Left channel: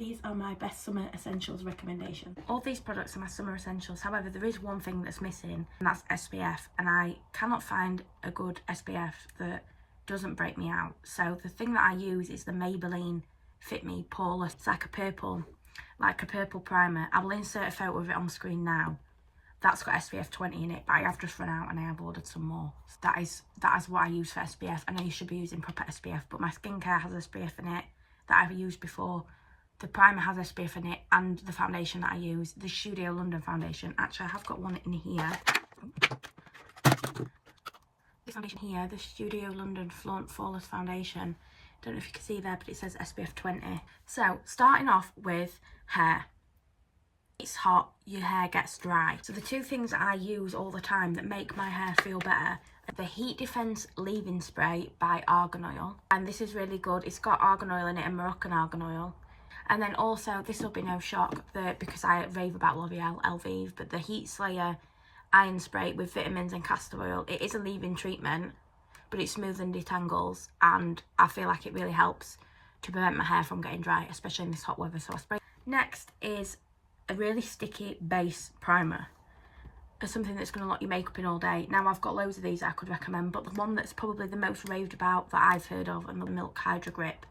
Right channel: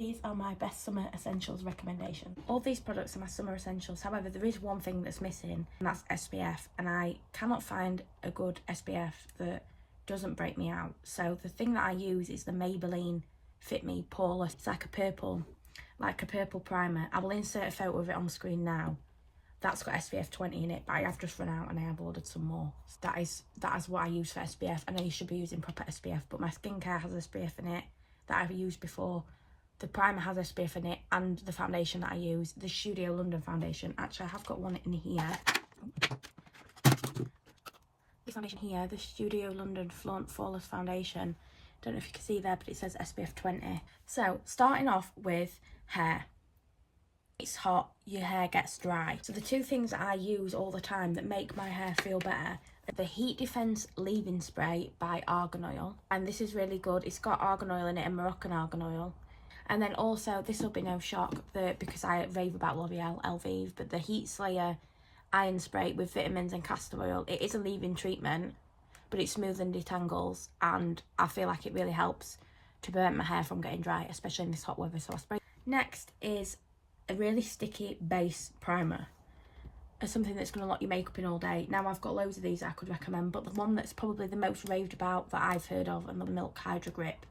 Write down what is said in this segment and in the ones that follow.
These are my best summer essentials recommendation. All these products are my summer essentials. However, there is one thing that's missing, and that's SPF. And I cannot find a good SPF that doesn't break me out. So the thing that I use is the Maybelline Fit Me Poreless. It's like a purple primer. I will insert a photo of it on the screen now. That's got SPF 20 in it, but I have just run out and I have ordered some more. So that is what I use for SPF. I know you should be using proper SPF, but my skincare has SPF in it that I've used before. The primer has SPF in it, and the foundation that I use, the Studio London foundation. Actually, I have got one in here. This foundation here, the Studio London Flawless Foundation. Don't know if you can see there, but it says SPF 20. So, starting off with hair. It's hot, your hair gets dry. So the two things that I use all the time that make my hair feel better are the Heat Defense Leave-In Spray by Argan Oil. And this is really good. It's got argan oil in it and Moroccan argan oil. And then also, this will be no shock because I rave about L'Oreal Elvive, but the Heat Slayer Iron Spray with vitamins and castor oil. It is a leave-in treatment, but it smooths and detangles, and I feel like it really helps to prevent my hair from getting dry, especially in this hot weather. So I spray. Next is a really sticky base primer. It's something that's going to lock your makeup in all day. Now, I've got loads of these I could recommend, but the one that's probably the most raved about that I've heard of, and the Milk Hydro Grip.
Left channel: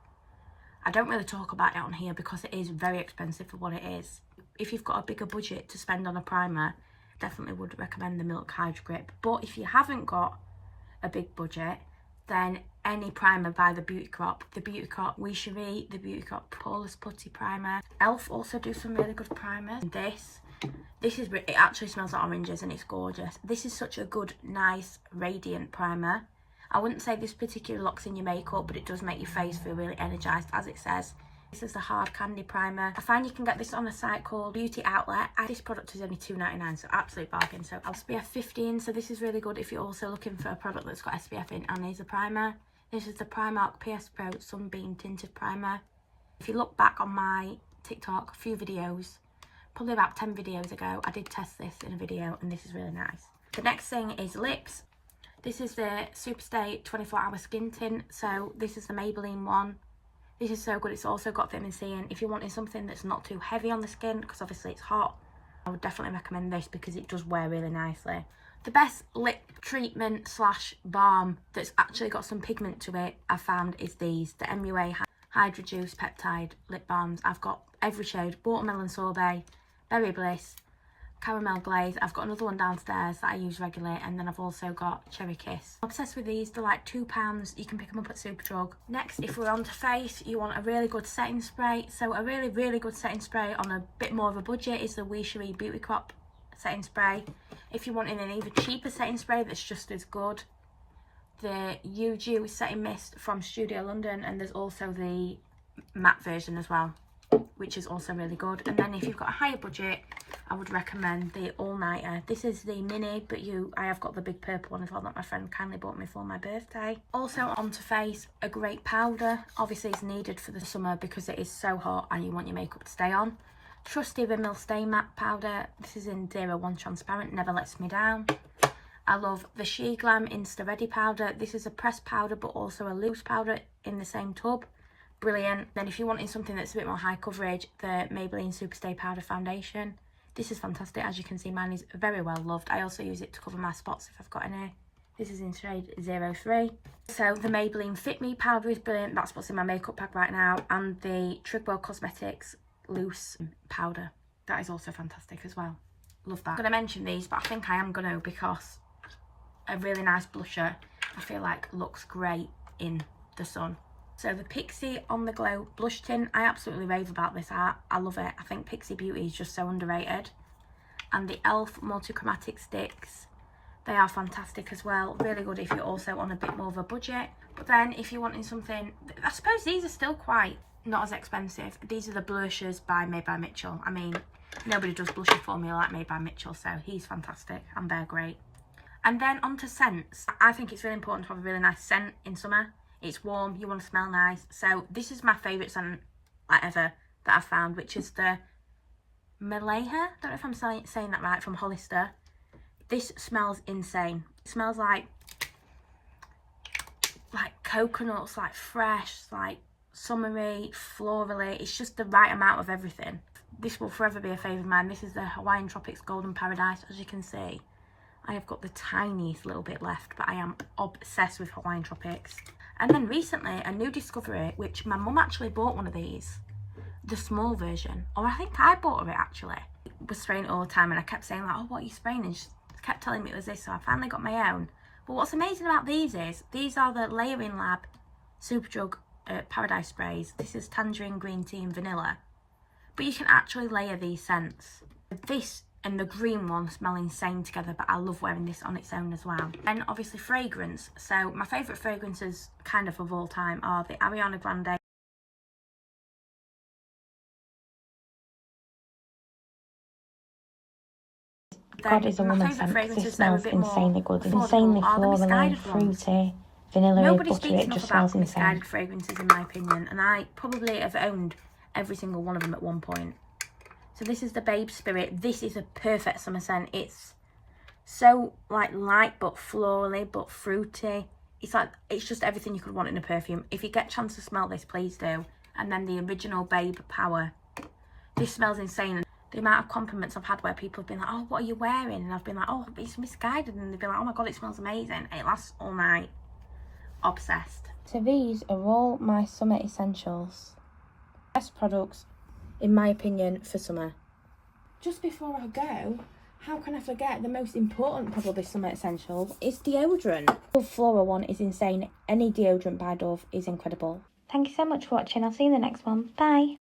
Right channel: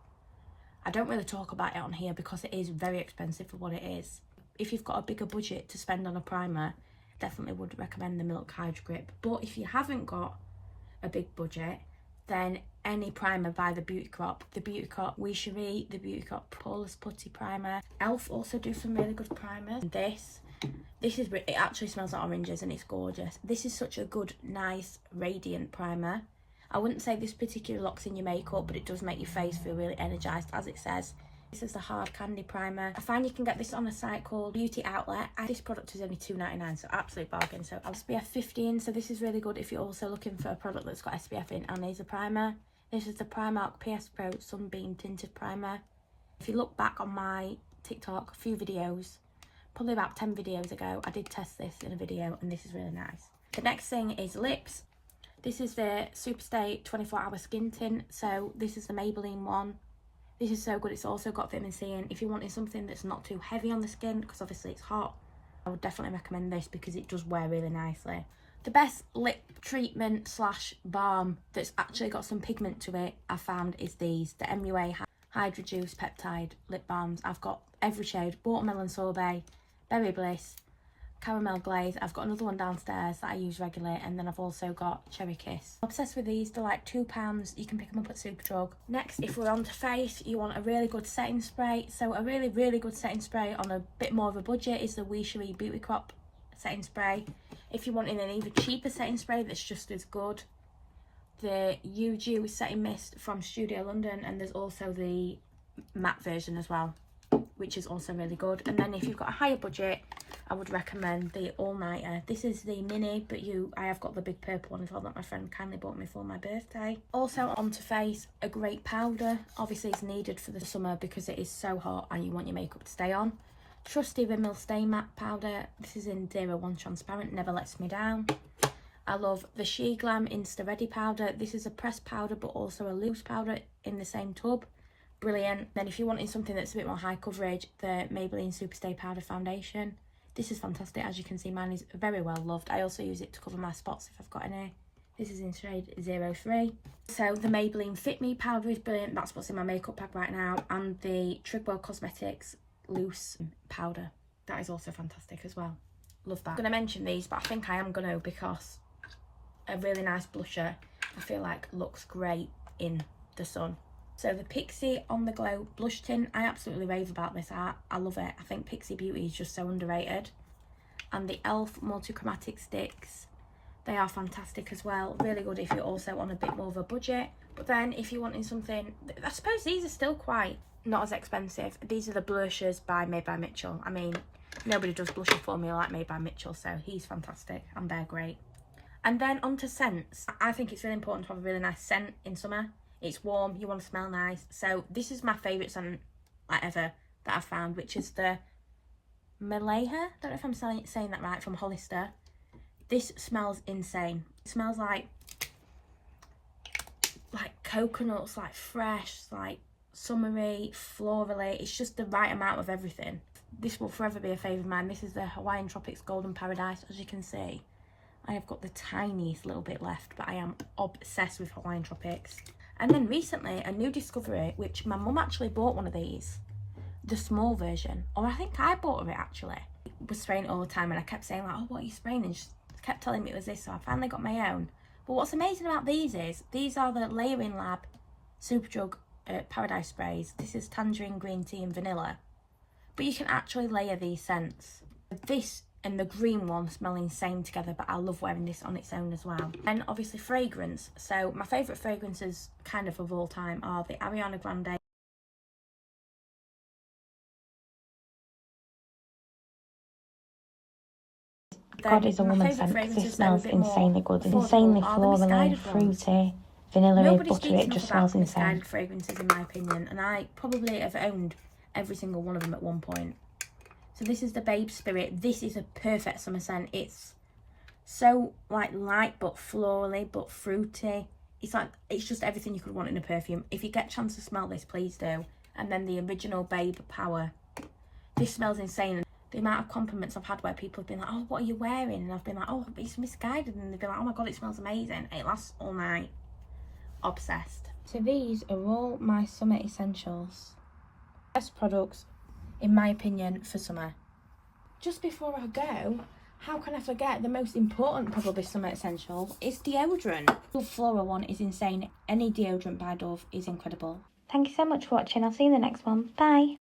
I don't really talk about it on here because it is very expensive for what it is. If you've got a bigger budget to spend on a primer, definitely would recommend the Milk Hydro Grip. But if you haven't got a big budget, then any primer by the Beauty Crop, We Cherie, the Beauty Crop Poreless Putty Primer. Elf also do some really good primers. And it actually smells like oranges and it's gorgeous. This is such a good, nice, radiant primer. I wouldn't say this particularly locks in your makeup, but it does make your face feel really energised, as it says. This is the Hard Candy Primer. I find you can get this on a site called Beauty Outlet. This product is only £2.99, so absolute bargain. So SPF 15, so this is really good if you're also looking for a product that's got SPF in and is a primer. This is the Primark PS Pro Sunbeam Tinted Primer. If you look back on my TikTok, a few videos, probably about 10 videos ago, I did test this in a video, and this is really nice. The next thing is lips. This is the Superstay 24-hour skin tint. So this is the Maybelline one. This is so good. It's also got vitamin C in. If you're wanting something that's not too heavy on the skin, because obviously it's hot, I would definitely recommend this because it does wear really nicely. The best lip treatment slash balm that's actually got some pigment to it, I found, is these. The MUA Hydro Juice Peptide Lip Balms. I've got every shade. Watermelon Sorbet, Berry Bliss, Caramel Glaze. I've got another one downstairs that I use regularly, and then I've also got Cherry Kiss. I'm obsessed with these. They're like £2. You can pick them up at Superdrug. Next, if we're on to face, you want a really good setting spray. So a really, really good setting spray on a bit more of a budget is the We Cherie Beauty Crop setting spray. If you're wanting an even cheaper setting spray that's just as good, the Dew setting mist from Studio London, and there's also the matte version as well, which is also really good. And then if you've got a higher budget, I would recommend the All Nighter. This is the mini, but I have got the big purple one as well that my friend kindly bought me for my birthday. Also onto face, a great powder. Obviously it's needed for the summer because it is so hot and you want your makeup to stay on. Trusty Rimmel Stay Matte powder. This is in 01 Transparent, never lets me down. I love the She Glam Insta Ready powder. This is a pressed powder but also a loose powder in the same tub. Brilliant. Then if you're wanting something that's a bit more high coverage, the Maybelline Superstay Powder Foundation. This is fantastic. As you can see, mine is very well loved. I also use it to cover my spots if I've got any. This is in shade 03. So the Maybelline Fit Me powder is brilliant. That's what's in my makeup bag right now. And the Trigwell Cosmetics Loose powder. That is also fantastic as well. Love that. I'm going to mention these, but I think I am going to because a really nice blusher, I feel like looks great in the sun. So the Pixi On The Glow blush tint, I absolutely rave about this. I love it. I think Pixi Beauty is just so underrated. And the Elf Multichromatic Sticks, they are fantastic as well. Really good if you're also on a bit more of a budget. But then if you're wanting something, I suppose these are still quite not as expensive. These are the blushes by Made by Mitchell. I mean, nobody does blusher formula like Made by Mitchell, so he's fantastic and they're great. And then onto scents. I think it's really important to have a really nice scent in summer. It's warm, you want to smell nice. So this is my favourite scent ever that I've found, which is the Maleha. Don't know if I'm saying that right, from Hollister. This smells insane. It smells like coconuts, like fresh, like summery, florally. It's just the right amount of everything. This will forever be a favourite of mine. This is the Hawaiian Tropics Golden Paradise. As you can see, I have got the tiniest little bit left, but I am obsessed with Hawaiian Tropics. And then recently, a new discovery, which my mum actually bought one of these, the small version, or I think I bought it actually. I was spraying it all the time, and I kept saying like, oh, what are you spraying? And she kept telling me it was this, so I finally got my own. But what's amazing about these is, these are the Layering Lab Superdrug Paradise sprays. This is tangerine, green tea and vanilla. But you can actually layer these scents. This and the green one smell insane together, but I love wearing this on its own as well. And obviously fragrance. So my favourite fragrances kind of all time are the Ariana Grande God is a woman scent because it smells insanely good. It's insanely florally, fruity, vanilla-y, buttery. It just smells insane. Fragrances in my opinion, and I probably have owned every single one of them at one point. So this is the Babe Spirit. This is a perfect summer scent. It's so like light but florally but fruity. It's like, it's just everything you could want in a perfume. If you get a chance to smell this, please do. And then the original Babe Power. This smells insane. The amount of compliments I've had where people have been like, oh, what are you wearing? And I've been like, oh, it's misguided. And they've been like, oh my God, it smells amazing. It lasts all night. Obsessed. So these are all my summer essentials. Best products, in my opinion, for summer. Just before I go, how can I forget the most important probably summer essential is deodorant. The Flora one is insane. Any deodorant by Dove is incredible. Thank you so much for watching. I'll see you in the next one. Bye.